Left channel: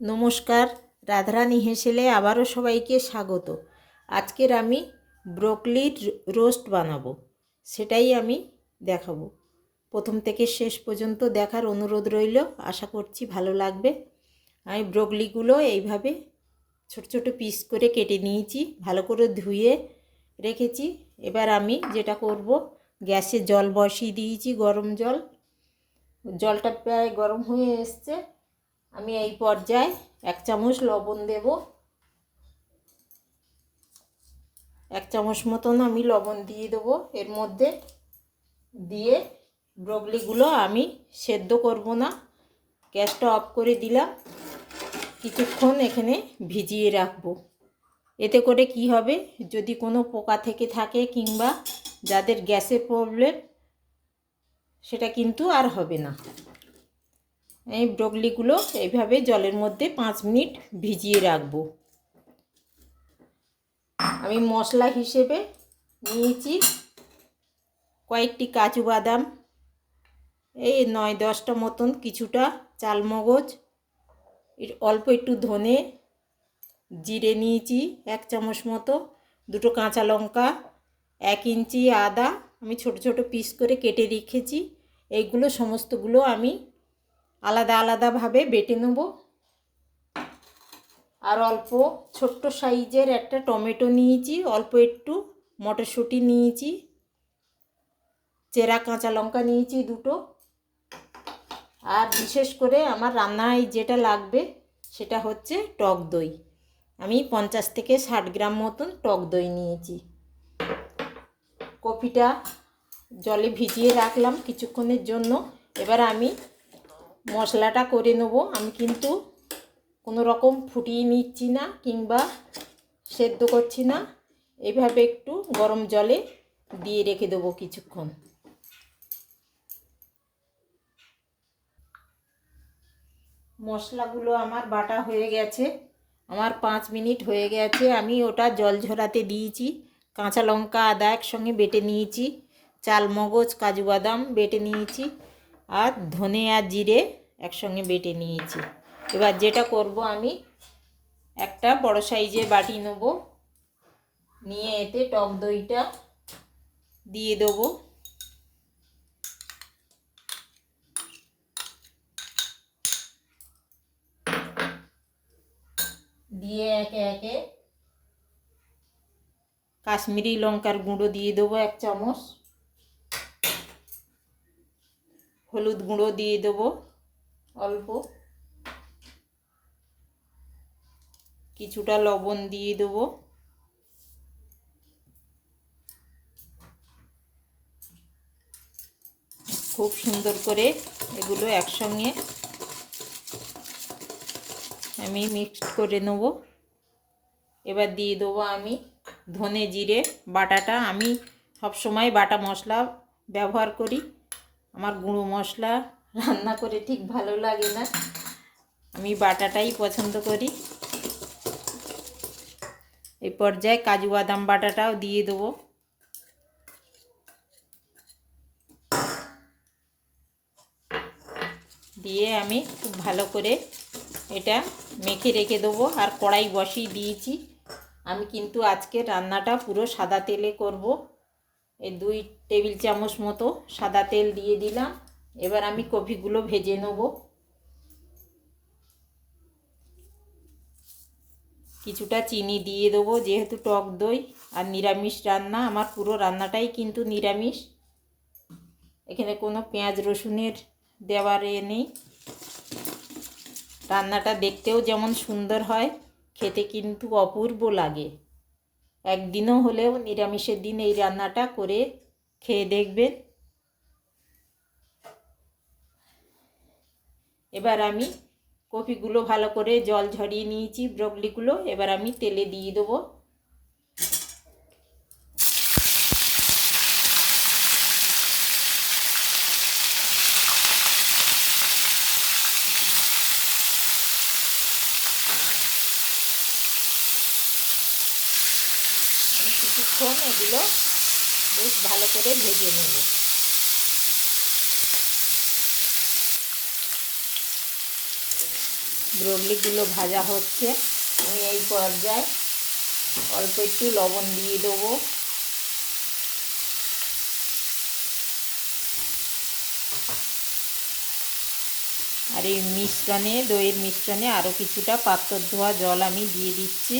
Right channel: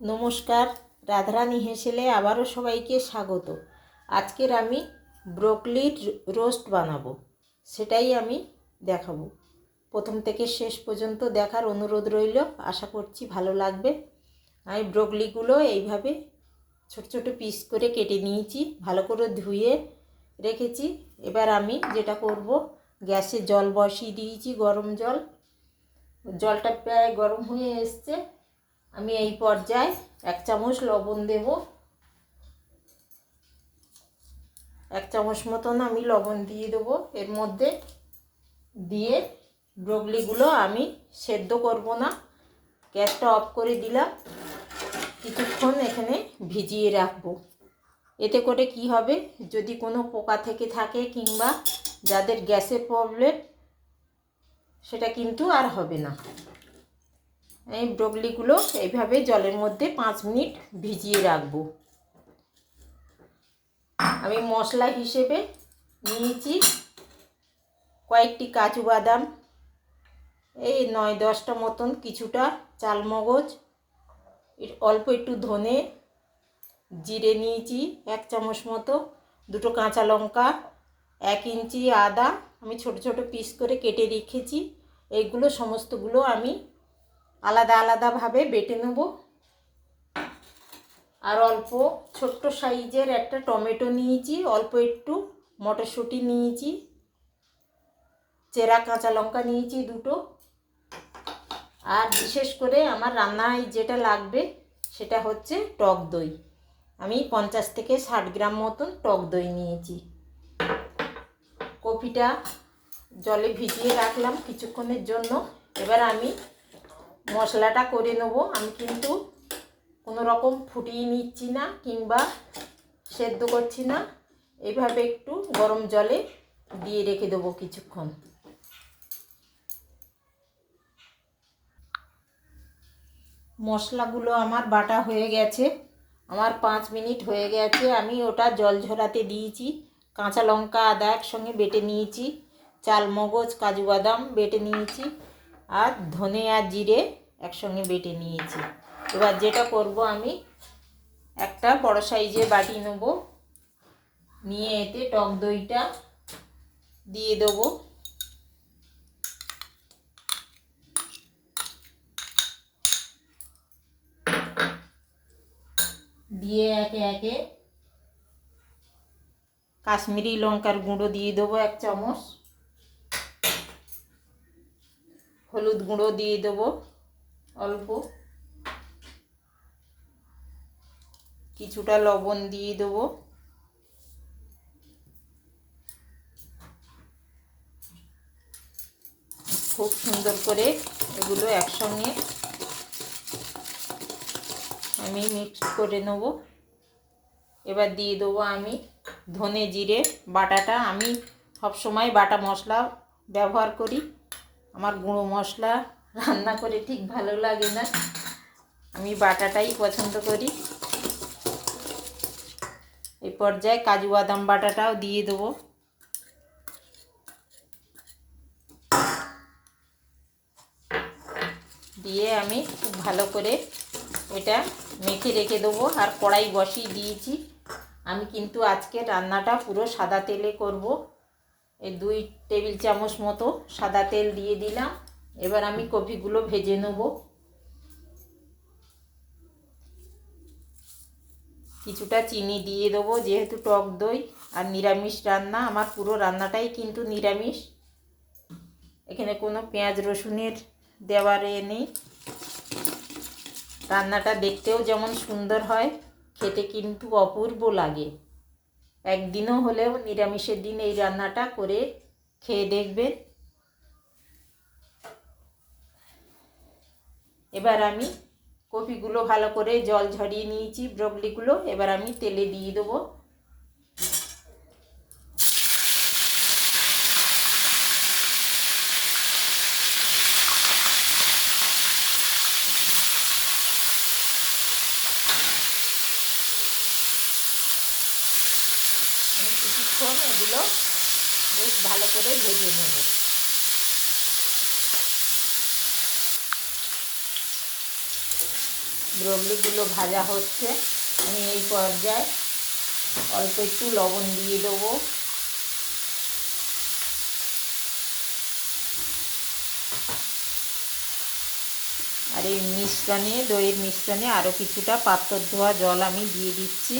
নমস্কার, রাধারানী হেসেলে আবারও সবাইকে স্বাগত। আজকের আমি ব্রোকলির রোস্ট বানাবো, সেটাই আমি দেখাবো। প্রথম থেকে শেষ পর্যন্ত দেখার অনুরোধ রইল, আশা করছি ভালো লাগবে। আমি ব্রোকলিগুলো এইভাবে ছোট ছোট পিস করে কেটে নিয়েছি, ভালো করে ধুয়ে রেখেছি। এবার আমি যেটা করব, গ্যাসে জল বসিয়ে দিয়েছি, গরম জল। জলটা প্রায় গরম হয়ে এসছে। আমি এই পর্যায়ে 1 চামচ লবণ দেব। 1 চামচ মতন আমি লবণ দিয়ে দেবো এর মধ্যে। দিয়ে ব্রোকলিগুলো আমি সেদ্ধ করব না, গ্যাসটা অফ করে দিলাম। কিছুক্ষণ এখানে ভিজিয়ে রাখবো। এতে করে কি হবে, যদি কোনো পোকা থেকে থাকে কিংবা যাদের গ্যাসের প্রবলেম, সেটা কিন্তু আর হবে না। এই ব্রোকলিগুলো এইভাবে জলের মধ্যে 5 মিনিট ভিজিয়ে রাখবো। আমি মশলা হিসেবে নিয়েছি কয়েকটি কাজু বাদাম, এই 9-10টা মতন, কিছুটা চালমগজ, অল্প একটু ধনে, জিরে নিয়েছি 1 চামচ মতো, 2টো কাঁচা লঙ্কা, 1 ইঞ্চি আদা আমি ছোট ছোট পিস করে কেটে রেখেছি। এইগুলো সমস্তগুলো আমি আলাদা আলাদাভাবে বেটে নেব। আর অল্প ছোট্ট সাইজের একটা টমেটো নিয়েছি, অল্প একটু মটরশুঁটি নিয়েছি, চেরা কাঁচা লঙ্কা নিয়েছি 2টো। আর বিশেষ করে আমার রান্নায় যেটা লাগবে সেটা হচ্ছে টক দই। আমি 50 থেকে 60 গ্রাম মতন টক দই নিয়েছি। কপিটা জলে ভিজিয়ে রাখলাম কিছুক্ষণের জন্য। এবার আমি মশলাটা করে নেব। আমি কিন্তু কোনো রকম ফুটিয়ে নিচ্ছি না কিংবা সেদ্ধ করছি না, এইভাবে একটু গরম জলে দিয়ে রেখে দেবো কিছুক্ষণ। মশলাগুলো আমার বাটা হয়ে গেছে, আমার 5 মিনিট হয়ে গেছে। আমি ওটা জল ঝরাতে দিয়েছি। কাঁচা লঙ্কা আদা একসঙ্গে বেটে নিয়েছি, চালমগজ কাজু বাদাম বেটে নিয়েছি, আর ধনে আর জিরে একসঙ্গে বেটে নিয়েছি। এবার যেটা করব, আমি একটা বড় সাইজের বাটি নেব, নিয়ে এতে টক দইটা দিয়ে দেবো। দিয়ে একে একে কাশ্মীরি লঙ্কার গুঁড়ো দিয়ে দেবো 1 চামচ, হলুদ গুঁড়ো দিয়ে দেবো অল্প, কিছুটা লবণ দিয়ে দেবো, খুব সুন্দর করে এগুলো একসঙ্গে আমি মিক্সড করে নেব। এবার দিয়ে দেবো আমি ধনে জিরে বাটাটা। আমি সবসময় বাটা মশলা ব্যবহার করি, আমার গুঁড়ো মশলা রান্না করে ঠিক ভালো লাগে না, আমি বাটাটাই পছন্দ করি। এই পর্যায়ে কাজু বাদাম বাটাটাও দিয়ে দেবো। দিয়ে আমি খুব ভালো করে এটা মেখে রেখে দেবো। আর কড়াই বসিয়ে দিয়েছি। আমি কিন্তু আজকে রান্নাটা পুরো সাদা তেলে করব। এই 2 টেবিল চামচ মতো সাদা তেল দিয়ে দিলাম। এবার আমি কপিগুলো ভেজে নেব। কিছুটা চিনি দিয়ে দেবো, যেহেতু টক দই আর নিরামিষ রান্না, আমার পুরো রান্নাটাই কিন্তু নিরামিষ। এখানে কোনো পেঁয়াজ রসুনের দেওয়ার নেই। রান্নাটা দেখতেও যেমন সুন্দর হয়, খেতে কিন্তু অপূর্ব লাগে। একদিনও হলেও নিরামিষের দিন এই রান্নাটা করে খেয়ে দেখবেন। এবার আমি কপিগুলো ভালো করে জল ঝরিয়ে নিয়েছি, ব্রকলিগুলো এবার আমি তেলে দিয়ে দেবো। আমি কিছুক্ষণ এগুলো বেশ ভালো করে ভেজে নেব। ব্রকলিগুলো ভাজা হচ্ছে। আমি এই পর্যায়ে অল্প একটু লবণ দিয়ে দেবো। আর এই মিশ্রণে, দইয়ের মিশ্রণে আরও কিছুটা পাত্র ধোয়া জল আমি দিয়ে দিচ্ছি।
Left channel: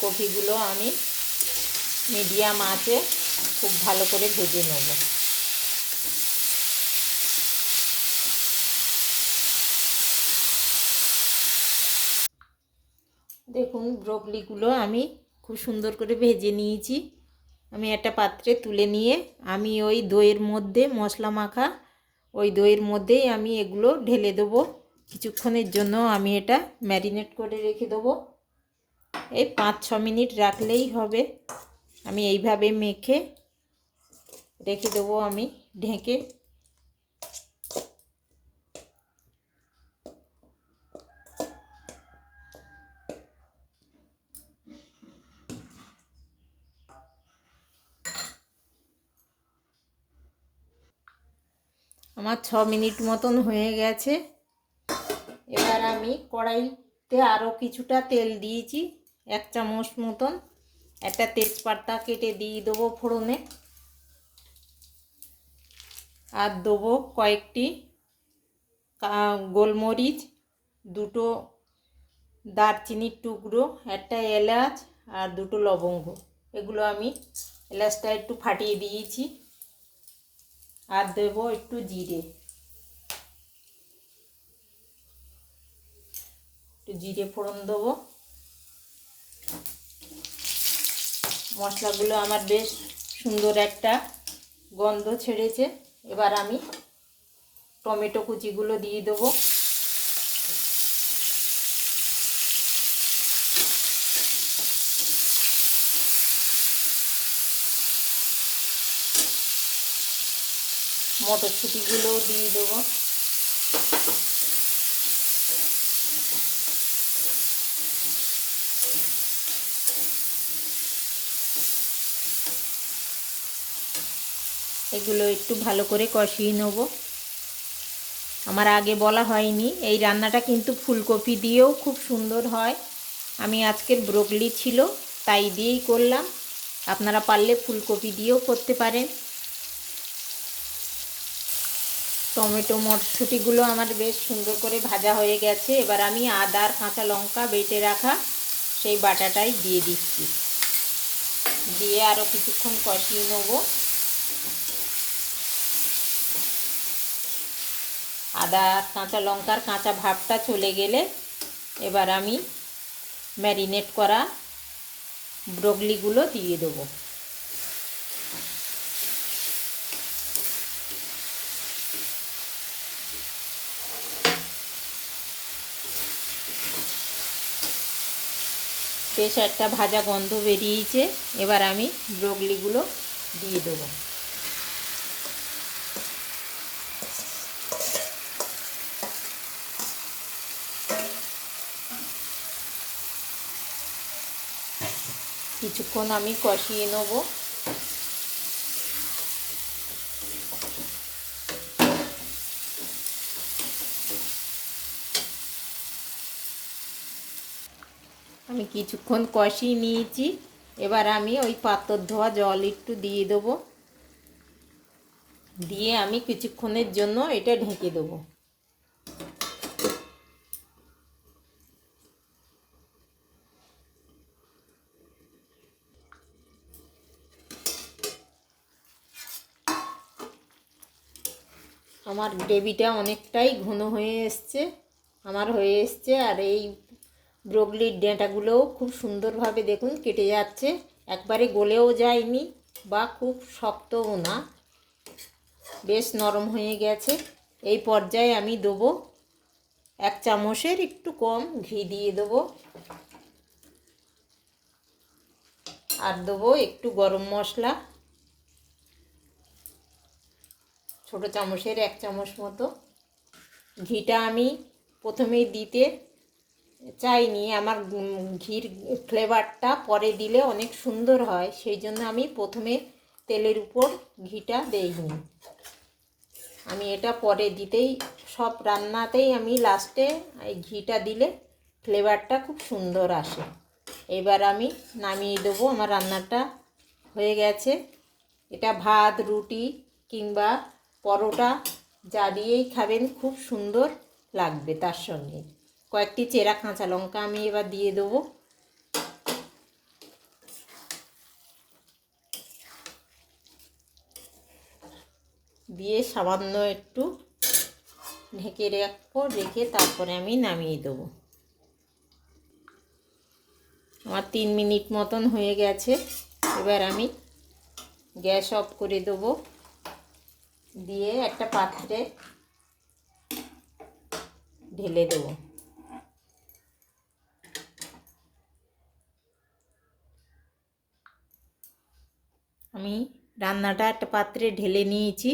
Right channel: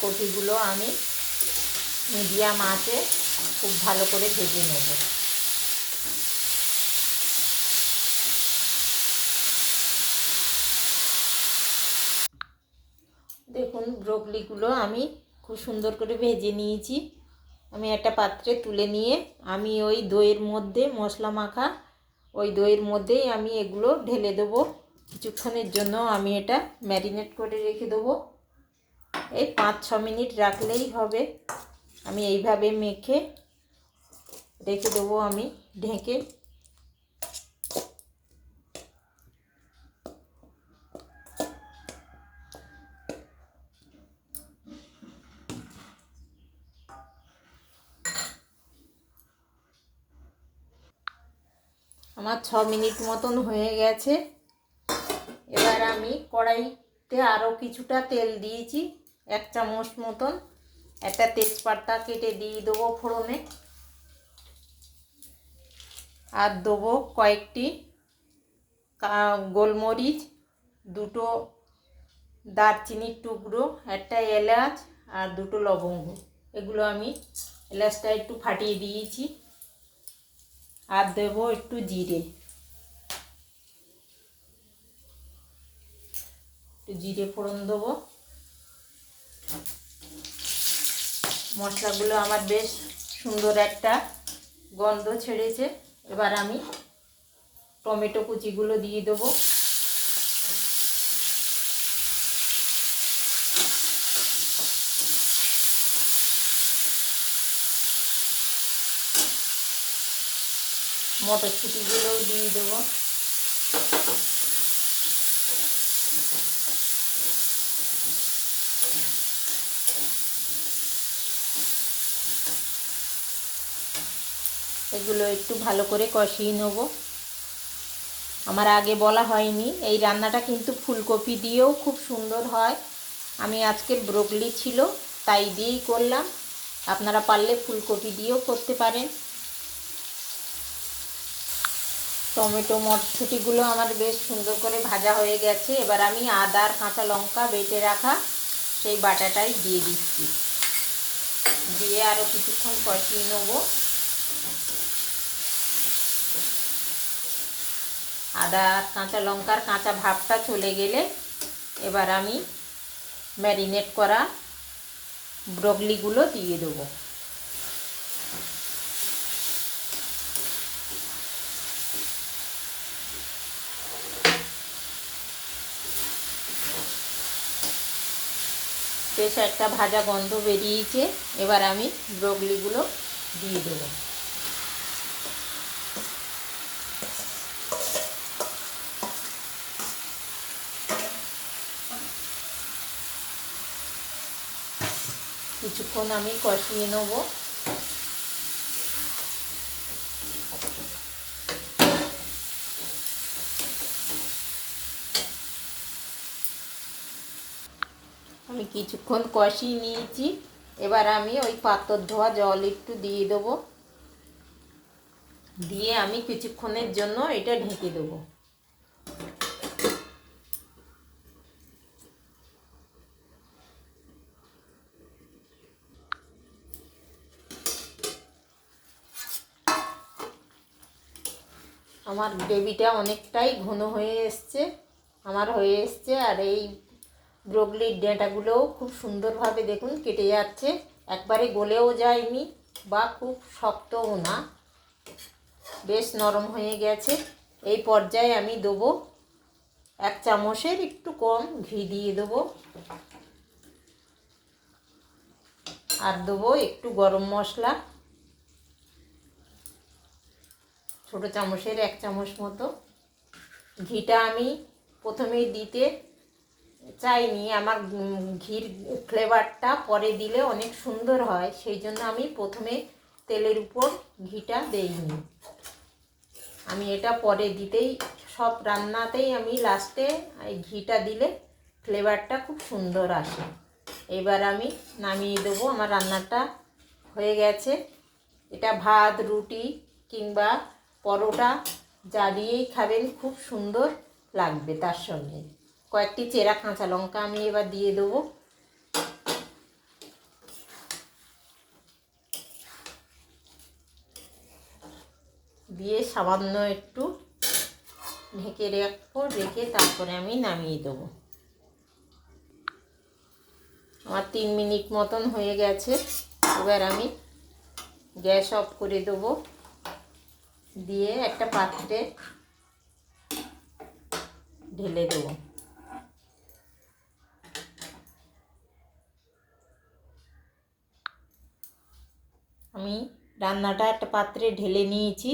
কপিগুলো আমি মিডিয়াম আঁচে খুব ভালো করে ভেজে নেব। দেখুন ব্রকলিগুলো আমি খুব সুন্দর করে ভেজে নিয়েছি। আমি একটা পাত্রে তুলে নিয়ে আমি ওই দইয়ের মধ্যে মশলা মাখা ওই দইয়ের মধ্যেই আমি এগুলো ঢেলে দেবো। কিছুক্ষণের জন্য আমি এটা ম্যারিনেট করে রেখে দেবো। এই 5-6 মিনিট রাখলেই হবে। আমি এইভাবে মেখে রেখে দেবো আমি ঢেকে। আমার 6 মিনিট মতন হয়ে গেছে। এবার আমি কড়াইতে আরও কিছুটা তেল দিয়েছি, 1 চামচ মতন। একটা তেজপাতা কেটে দিয়ে দেবো ফোড়নে। আর দেবো কয়েকটি গোলমরিচ, 2টো দারচিনির টুকরো, একটা এলাচ আর 2টো লবঙ্গ। এগুলো আমি এলাচটা একটু ফাটিয়ে দিয়েছি। আর দেবো একটু জিরে, একটু জিরে ফোড়ন দেবো। মশলাগুলো আমার বেশ সুন্দর একটা গন্ধ ছেড়েছে। এবার আমি টমেটো কুচিগুলো দিয়ে দেবো। মটরশুঁটিগুলোও দিয়ে দেবো। এগুলো একটু ভালো করে কষিয়ে নেব। আমার আগে বলা হয়নি, এই রান্নাটা কিন্তু ফুলকপি দিয়েও খুব সুন্দর হয়। আমি আজকের ব্রকলি ছিল তাই দিয়েই করলাম। আপনারা পারলে ফুলকপি দিয়েও করতে পারেন। টমেটো মটরশুঁটিগুলো আমার বেশ সুন্দর করে ভাজা হয়ে গেছে। এবার আমি আদা আর কাঁচা লঙ্কা বেটে রাখা সেই বাটাটাই দিয়ে দিচ্ছি। দিয়ে আরও কিছুক্ষণ কষিয়ে নেব। আদা কাঁচা লঙ্কার কাঁচা ভাবটা চলে গেলে এবার আমি ম্যারিনেট করা ব্রকলিগুলো দিয়ে দেবো। বেশ একটা ভাজা গন্ধ বেরিয়েছে। এবার আমি ব্রকলিগুলো দিয়ে দেবো। কিছুক্ষণ আমি কষিয়ে নেব। আমি কিছুক্ষণ কষিয়ে নিয়েছি। এবার আমি ওই পাত্র ধোয়া জল একটু দিয়ে দেবো। দিয়ে আমি কিছুক্ষণের জন্য এটা ঢেকে দেবো। আমার গ্রেভিটা অনেকটাই ঘন হয়ে এসছে, আর এই ব্রকলির ডাঁটাগুলোও খুব সুন্দরভাবে দেখুন কেটে যাচ্ছে। একবারে গলেও যায়নি বা খুব শক্তও না, বেশ নরম হয়ে গেছে। এই পর্যায়ে আমি দেবো 1 চামচের একটু কম ঘি দিয়ে দেবো। আর দেবো একটু গরম মশলা, ছোটো চামচের 1 চামচ মতো। ঘিটা আমি প্রথমেই দিতে চাইনি, আমার ঘির ফ্লেভারটা পরে দিলে অনেক সুন্দর হয়, সেই জন্য আমি প্রথমে তেলের উপর ঘিটা দেইনি। আমি এটা পরে দিতেই, সব রান্নাতেই আমি লাস্টে এই ঘিটা দিলে ফ্লেভারটা খুব সুন্দর আসে। এবার আমি নামিয়ে দেবো। আমার রান্নাটা হয়ে গেছে। এটা ভাত, রুটি কিংবা পরোটা যা দিয়েই খাবেন খুব সুন্দর লাগবে। তার সঙ্গে কয়েকটি চেরা কাঁচা লঙ্কা আমি এবার দিয়ে দেবো। দিয়ে সামান্য একটু ঢেকে রাখবো, রেখে তারপরে আমি নামিয়ে দেবো। আমার 3 মিনিট মতন হয়ে গেছে। এবার আমি গ্যাস অফ করে দেবো, দিয়ে একটা পাত্রে ঢেলে দেবো। আমি রান্নাটা একটা পাত্রে ঢেলে নিয়েছি।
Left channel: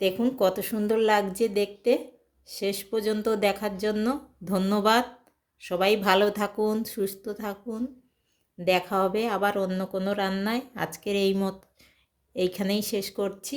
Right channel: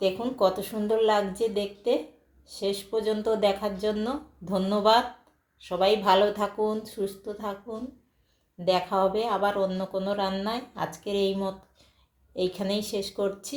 দেখুন কত সুন্দর লাগছে দেখতে। শেষ পর্যন্ত দেখার জন্য ধন্যবাদ। সবাই ভালো থাকুন, সুস্থ থাকুন। দেখা হবে আবার অন্য কোনো রান্নায়। আজকের এইখানেই শেষ করছি।